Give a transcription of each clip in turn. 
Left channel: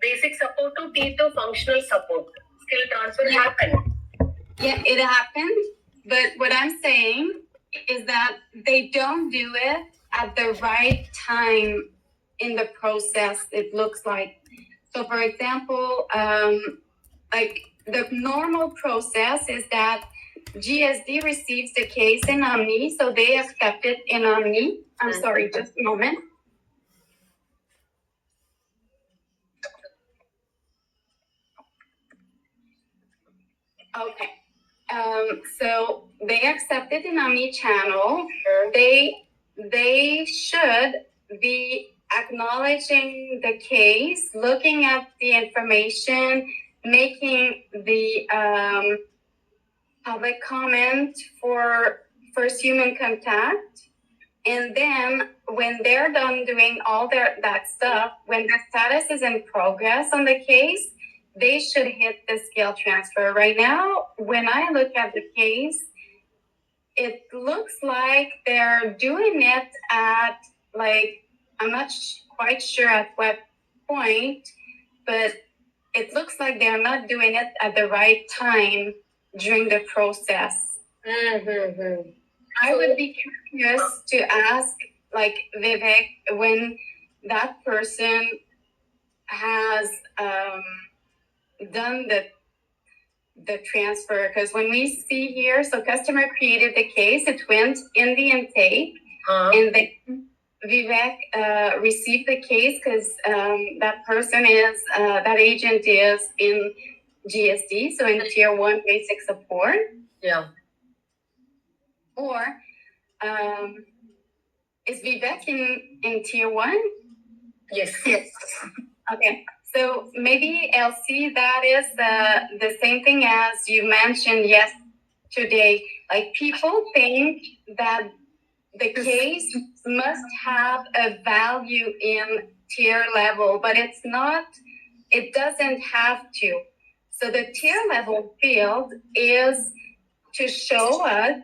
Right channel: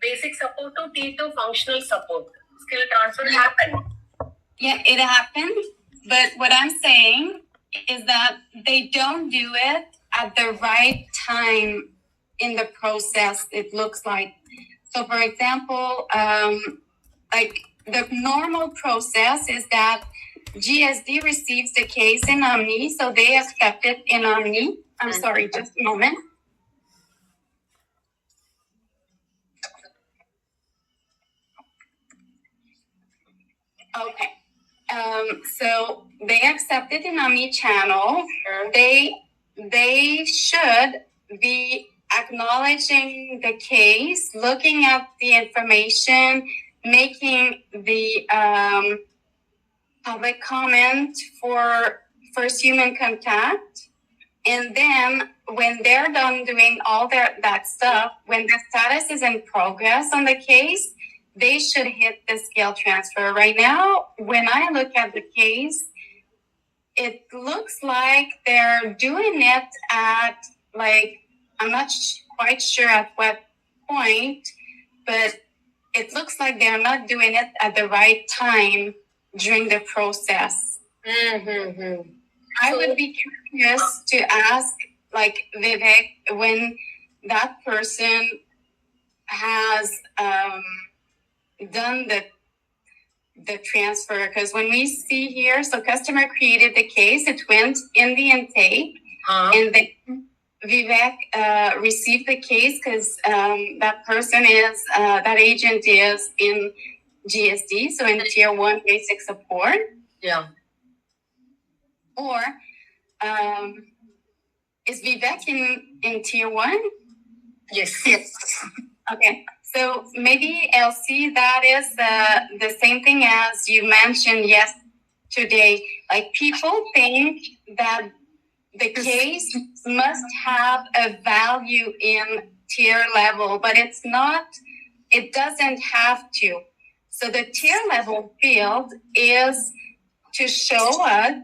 basic support to T2 functional support. Skill transfer happened. Yeah, it happened. But what I'm saying is that they don't do it at the right time in the process, it looks like. So, for example, like the normal process is that GSD receives the case in Omni, so they accept it in Omni. I'm sorry, just a moment. Okay. So they accept it in Omni channel. They should be acknowledging the case, looking at the information, making the public comment for first human contact. And then when they're done doing all that stuff, when the status is in progress on the case, they should hit the skill transfer. Right now, when I look at the case, it looks like they're doing it at, like, I'm not quite sure at what point, but it looks like they're not doing it at the right time during the process. Mm-hmm. I would be curious to ask, like, Vivek, when that person has done the transfer, because when we see here, so customer created the case, it went in the intake, and then Vivek received the case because that person is, that agent is in GSD, so in tier 1 basic support. Yeah. Or is Vivek in tier 1? Yes. Okay. So maybe Elsie, that is the same thing as you mentioned yesterday. Like, people think that the case must have a value in tier level, but it's not, it doesn't have to. So the tier level field is to show us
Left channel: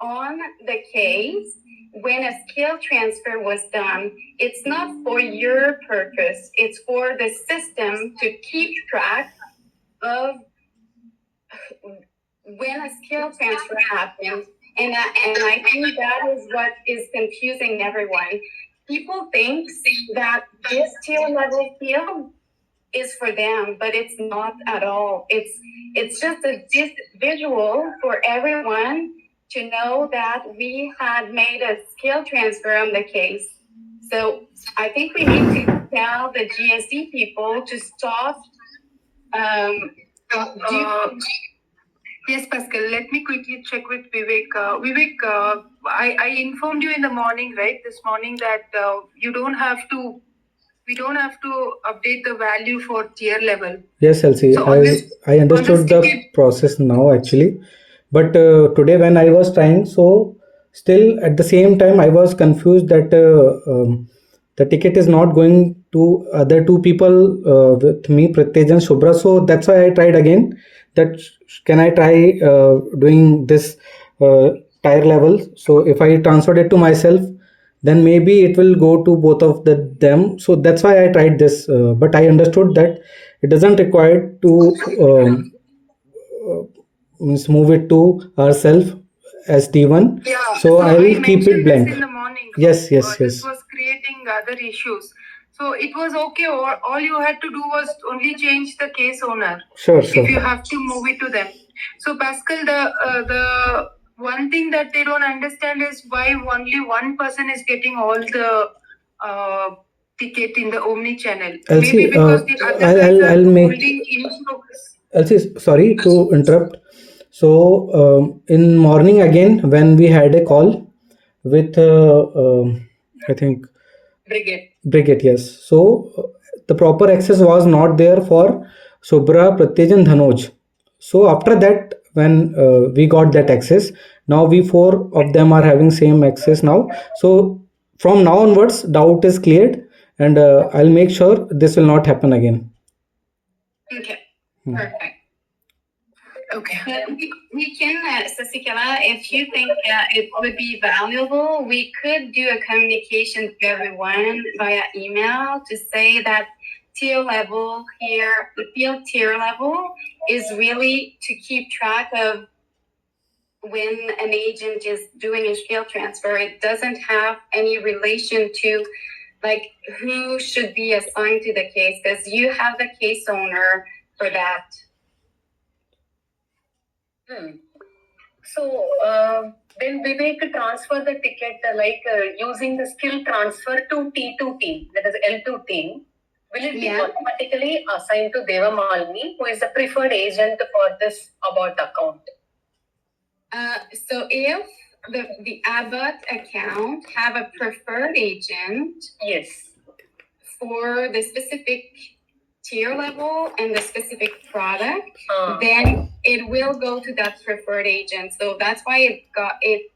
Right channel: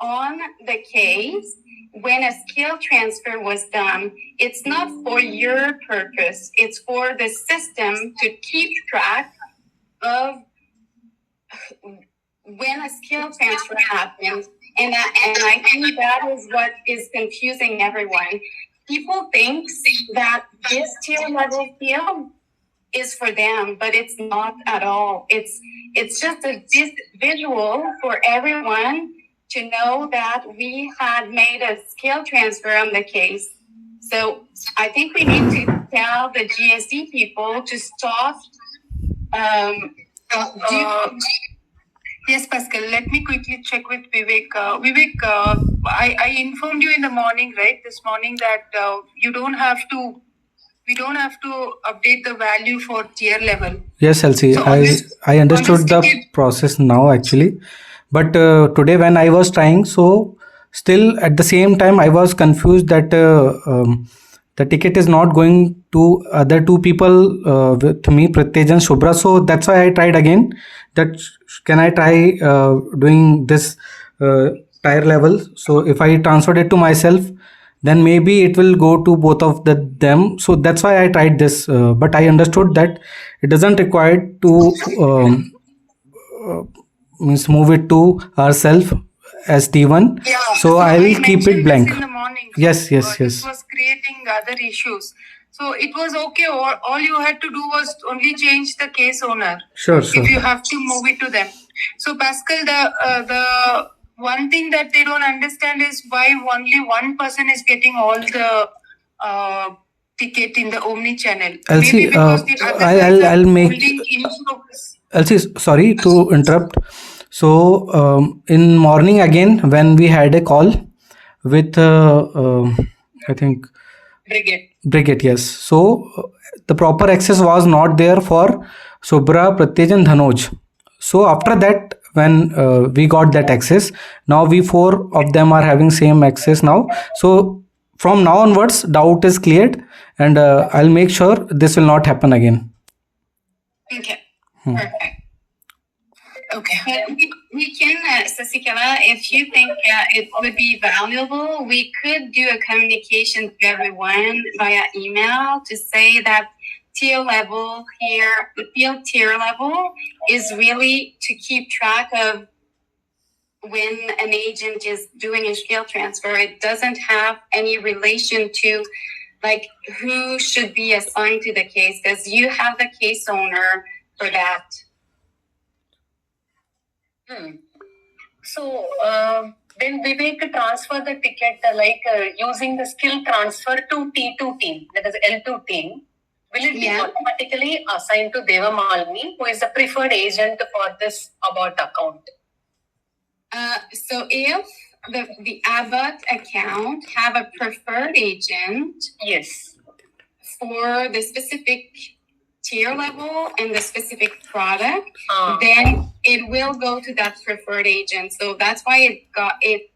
on the case when a skill transfer was done. It's not for your purpose, it's for the system to keep track of when a skill transfer happens. And I think that is what is confusing everyone. People think that this tier level field is for them, but it's not at all. It's just a visual for everyone to know that we had made a skill transfer on the case. So I think we need to tell the GSD people to stop. Yes, Pascal, let me quickly check with Vivek. Vivek, I informed you in the morning, right? This morning that we don't have to update the value for tier level. Yes, Elsie, So I understood the process now actually. But today when I was trying, so still at the same time I was confused that the ticket is not going to other two people with me, Pratyej and Shubhra. So that's why I tried again. That can I try doing this tier level? So if I transferred it to myself, then maybe it will go to both of them. So that's why I tried this. But I understood that it doesn't require to means move it to ourselves as T1. Yeah, so I will keep it blank. In the morning. Yes. This was creating other issues. So it was okay. All you had to do was only change the case owner. Sure. If you have to move it to them. So Pascal, the one thing that they don't understand is why only one person is getting all the ticket in the Omni channel. Elsie, Maybe because the other I'll make. holding in focus. Elsie, sorry to interrupt. So in morning again, when we had a call with I think Brigade, yes. So the proper access was not there for Shubhra, Pratyej and Dhanoj. So after that, when we got that access, now we four of them are having same access now. So from now onwards, doubt is cleared, and I'll make sure this will not happen again. Okay, perfect. Okay. But we can, Sasikala, if you think it would be valuable, we could do a communication to everyone via email to say that tier level here, the field tier level is really to keep track of when an agent is doing a skill transfer. It doesn't have any relation to like who should be assigned to the case because you have the case owner for that. So when Vivek transfer the ticket, using the skill transfer to T2 team, that is L2 team, will it be Yeah. automatically assigned to Deva Malini, who is the preferred agent for this Abbott account? So if the Abbott account have a preferred agent Yes. for the specific tier level and the specific product, Ah, then it will go to that preferred agent. So that's why it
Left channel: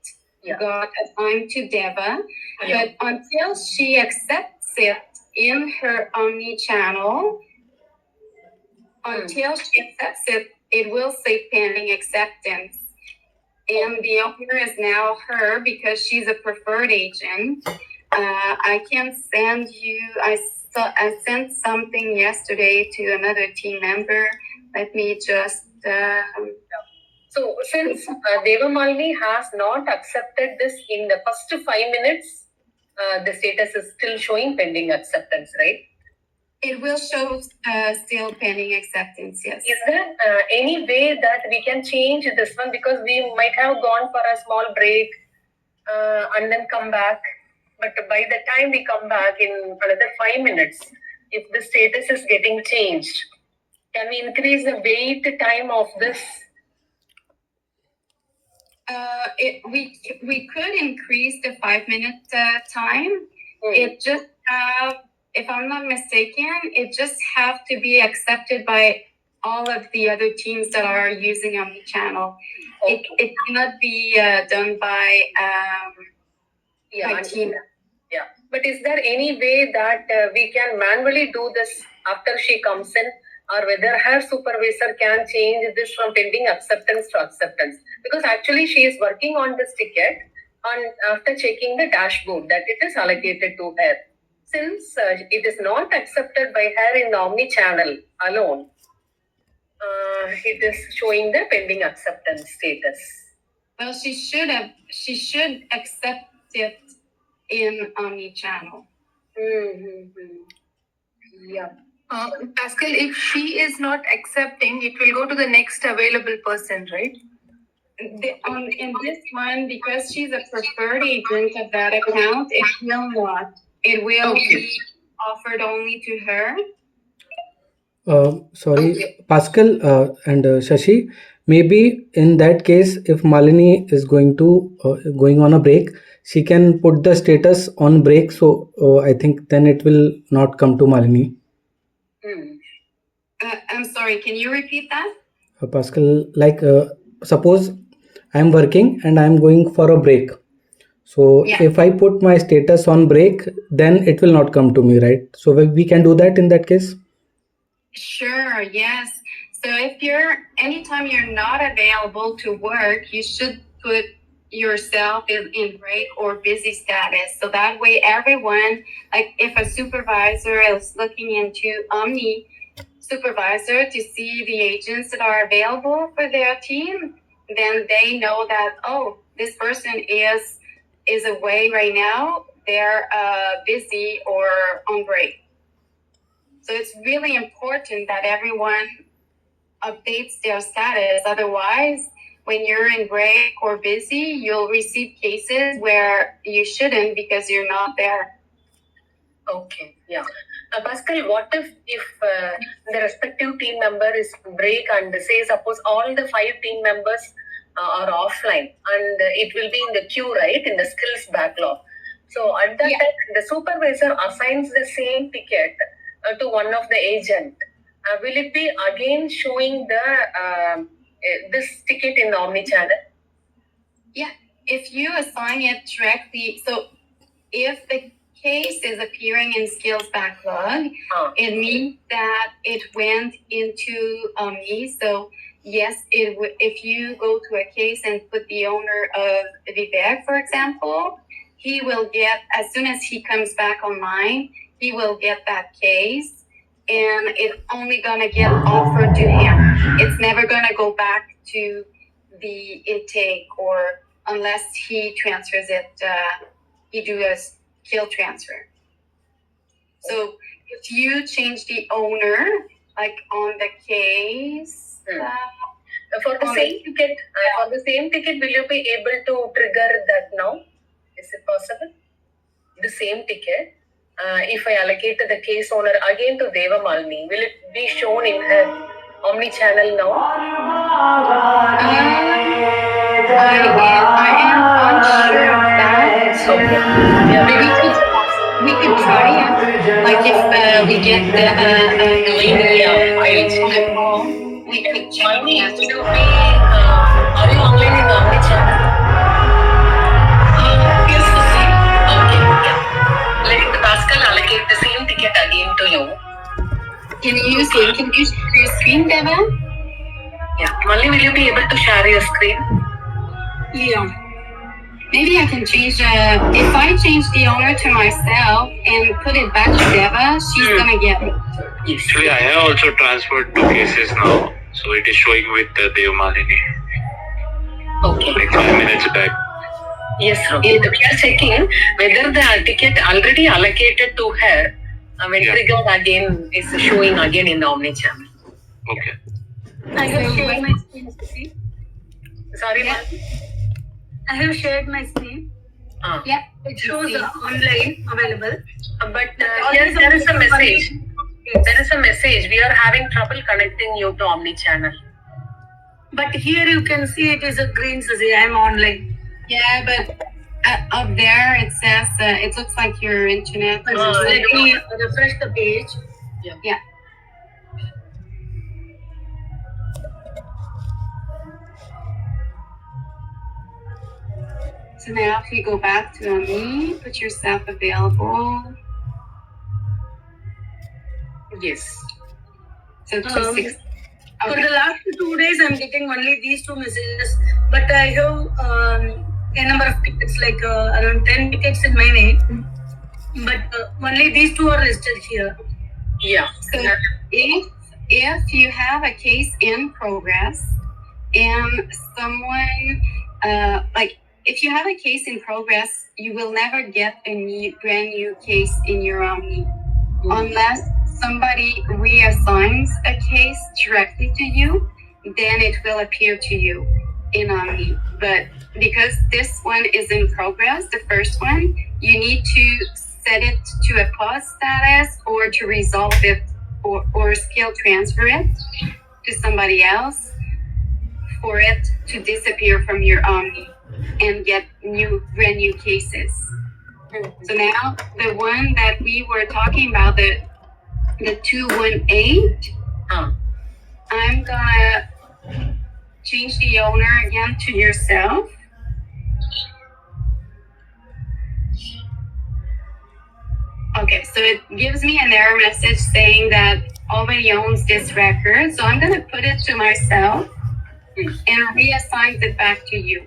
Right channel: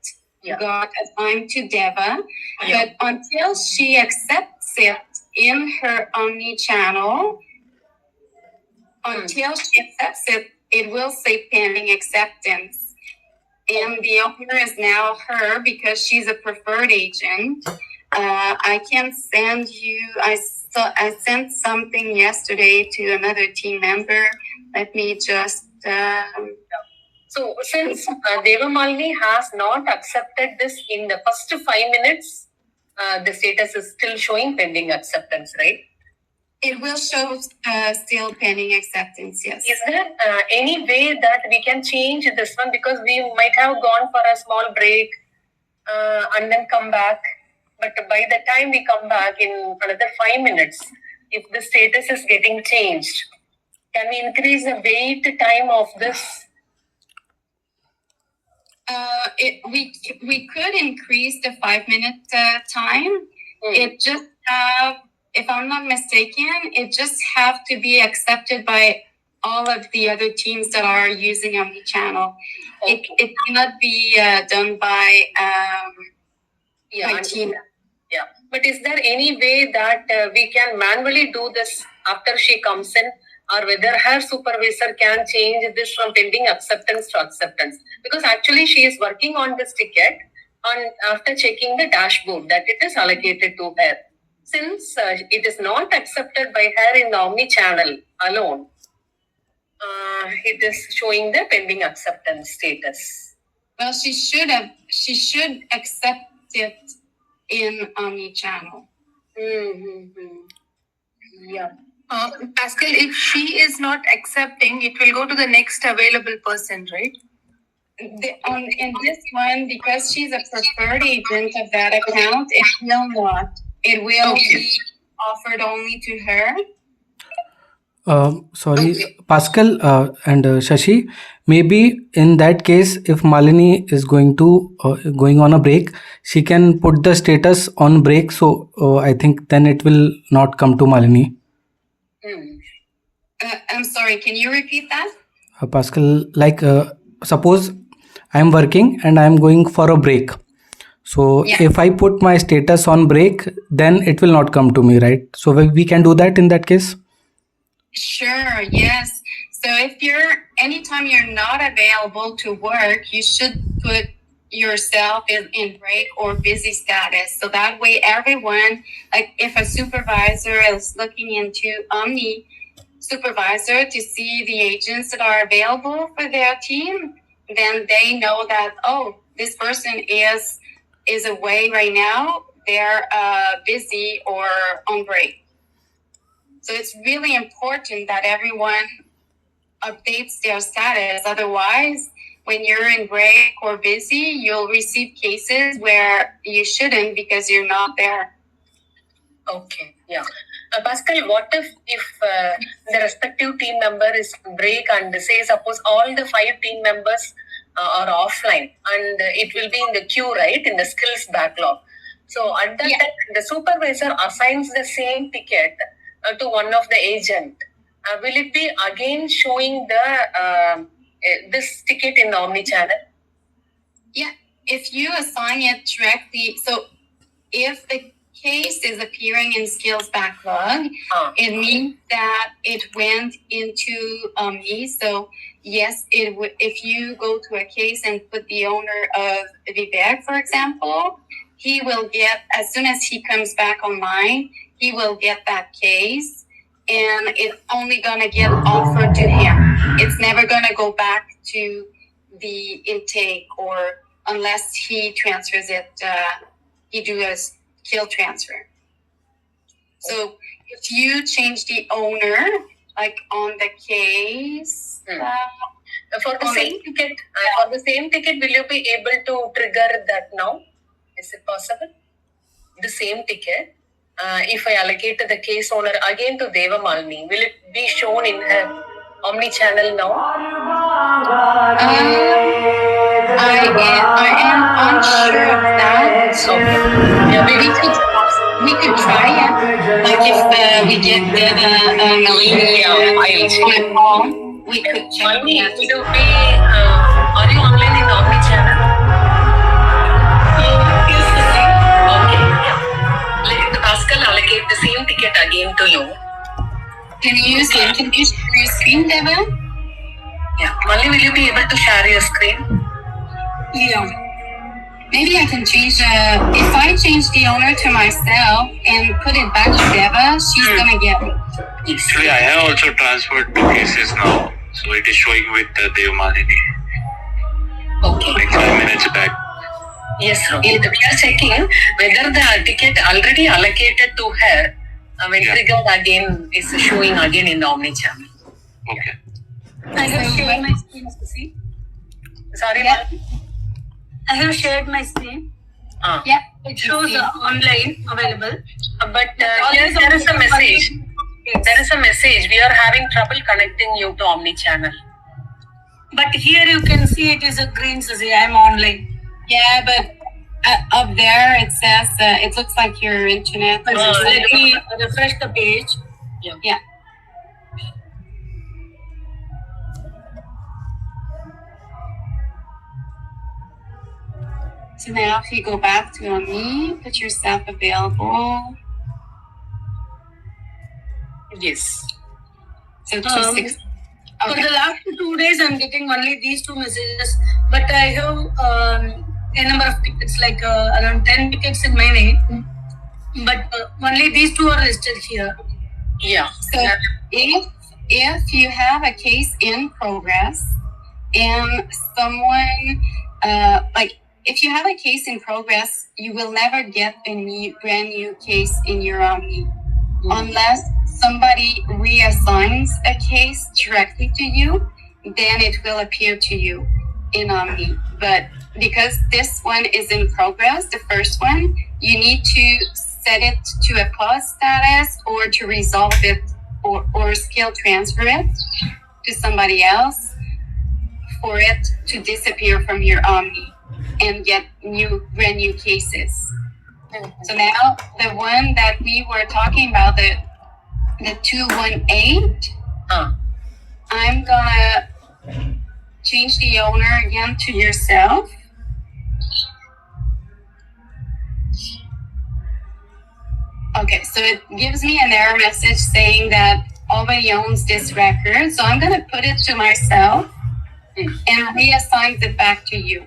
Yeah. got assigned to Deva. yeah. But until she accepts it in her omni-channel, until she accepts it, it will say pending acceptance. And the owner is now her because she's a preferred agent. I can send you, I sent something yesterday to another team member. Let me just, So since Deva Malini has not accepted this in the first 5 minutes, the status is still showing pending acceptance, right? it will show still pending acceptance, yes. Is there any way that we can change this one? Because we might have gone for a small break and then come back. But by the time we come back in another 5 minutes, if the status is getting changed, can we increase the wait time of this? We could increase the 5-minute time. It just have, if I'm not mistaken, it just have to be accepted by all of the other teams that are using omnichannel. It cannot be done by Yeah. team. Yeah. But is there any way that we can manually do this after she comes in, or whether her supervisor can change this from pending acceptance to acceptance? Because actually she is working on this ticket after checking the dashboard that it is allocated to her. Since it is not accepted by her in the omni-channel alone, it is showing the pending acceptance status. Well, she should accept it in omnichannel. Yeah. Pascal, if she is not accepting, it will go to the next available person, right? In this one, because she's a preferred agent of that account, it will not. It will be offered only to her. Sorry, Pascal and Shashi. Maybe in that case, if Malini is going on a break, she can put the status on break. So I think then it will not come to Malini. I'm sorry, can you repeat that? Pascal, like suppose I'm working and I'm going for a break. So Yeah. if I put my status on break, then it will not come to me, right? So we can do that in that case. Sure, yes. So if anytime you're not available to work, you should put yourself in break or busy status. So that way everyone, like if a supervisor is looking into Omni supervisor to see the agents that are available for their team, then they know that, oh, this person is away right now. They're busy or on break. So it's really important that everyone updates their status. Otherwise, when you're in break or busy, you'll receive cases where you shouldn't because you're not there. Okay, yeah. Pascal, what if the respective team member is break and say suppose all the 5 team members are offline and it will be in the queue, right, in the skills backlog. So at that time, the supervisor assigns the same ticket to one of the agent. Will it be again showing the this ticket in the omni-channel? Yeah, if you assign it directly, so if the case is appearing in skills backlog, it means that it went into Omni. So yes, if you go to a case and put the owner of Vivek, for example, he will get, as soon as he comes back online, he will get that case and it's only gonna get offered to him. It's never gonna go back to the intake, or unless he transfers it, he do a skill transfer. So if you change the owner, like on the case, For the same ticket, will you be able to trigger that now? Is it possible? The same ticket, if I allocate the case owner again to Deva Malini, will it be shown in her omni-channel now? I am unsure of that. Okay. Yeah, maybe we could try it. Like if we get the millennium call, we could check Malini, that. will you be, are you online in omni-channel? Yes, Okay. Let Pascal allocate the same ticket again to you. can you share your screen, Deva? Yeah. Malini, will you be able to share your screen? Yeah. Maybe I can change. If I change the owner to myself and put it back to Deva, she's gonna get it. Yes. Actually, I have also transferred two cases now, so it is showing with Dev Malini Okay. like 5 minutes back. Yes, okay. We are checking whether the ticket already allocated to her, when Yeah. triggered again, is showing again in the omni-channel. Okay. I have shared my screen, Sissy. Sorry, Yeah. I have shared my screen. Yeah. It shows online available. but here there is a message. Yes. There is a message. We are having trouble connecting you to omni-channel. But here you can see it is a green, Sissy. I am online. Yeah, but up there it says it looks like your internet. Let me refresh the page. Yeah. So now if you go back to me, put yourself available. Yes. So 260. For the last 2 days, I'm getting only these two messages. But I have a number of tickets, like around 10 tickets in my name. But only these two are listed here. Yeah. So if you have a case in progress and someone like if you have a case in progress, you will never get a brand new case in your Omni unless somebody reassigns a case directly to you. Then it will appear to you in Omni. But because this one is in progress, the first one, you need to set it to a pause status or to resolve it or skill transfer it to somebody else for it to disappear from your Omni and get brand new cases. So now the one that we were talking about, the 218, I'm gonna change the owner again to yourself. Okay, so it gives me an error message saying that already owns this record. So I'm gonna put it to myself and reassign it back to you.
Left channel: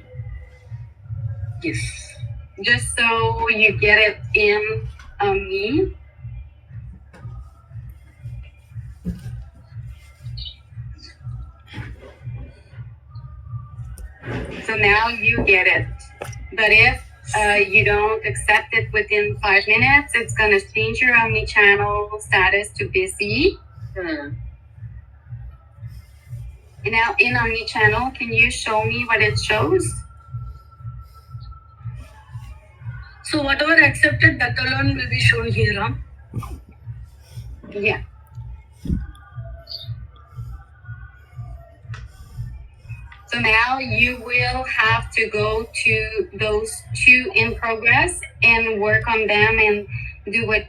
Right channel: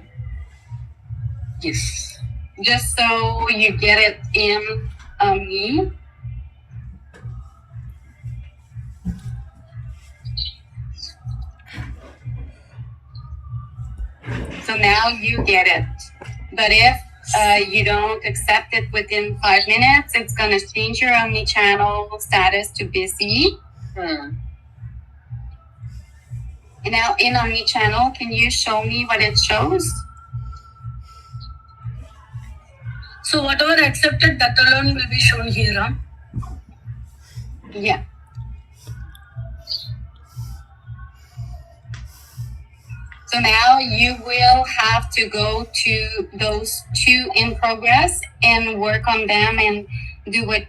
Yes. Just so you get it in me. So now you get it. But if you don't accept it within 5 minutes, it's gonna change your omni-channel status to busy. And now in omni-channel, can you show me what it shows? So whatever accepted, that alone will be shown here. Huh? Yeah. So now you will have to go to those two in progress and work on them and do what,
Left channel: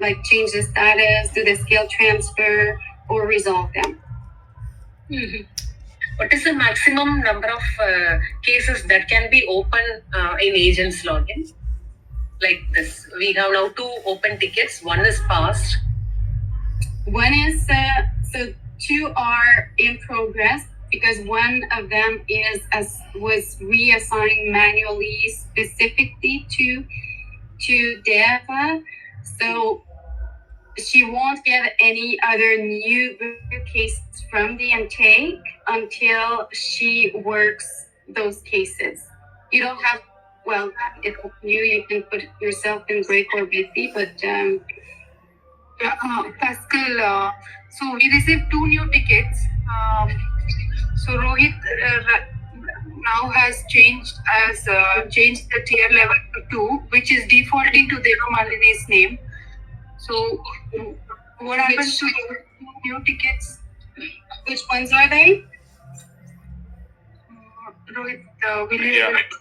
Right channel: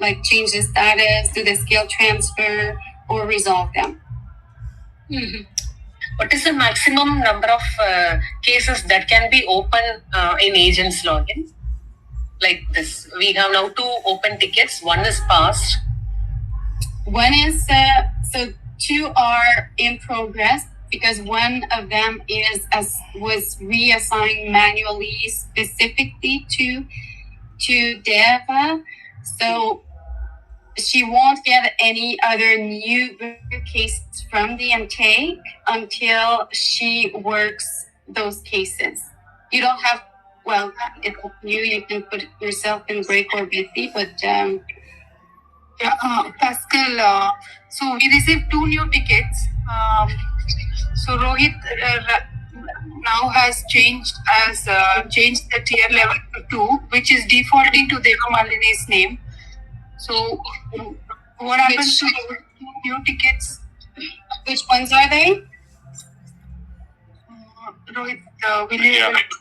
like change the status, do the skill transfer, or resolve them. Mhm. What is the maximum number of cases that can be open in agents login? Like this, we have now 2 open tickets. One is passed. One is so 2 are in progress because one of them was reassigned manually specifically to Deva. So she won't get any other new cases from the intake until she works those cases. You don't have, well, it's up to you. You can put yourself in break or busy, but Pascal, so we received 2 new tickets. So Rohit now has changed the tier level to 2, which is defaulting to Devamalini's name. So what happens to those 2 new tickets? which ones are they? Rohit, will you Yeah. able to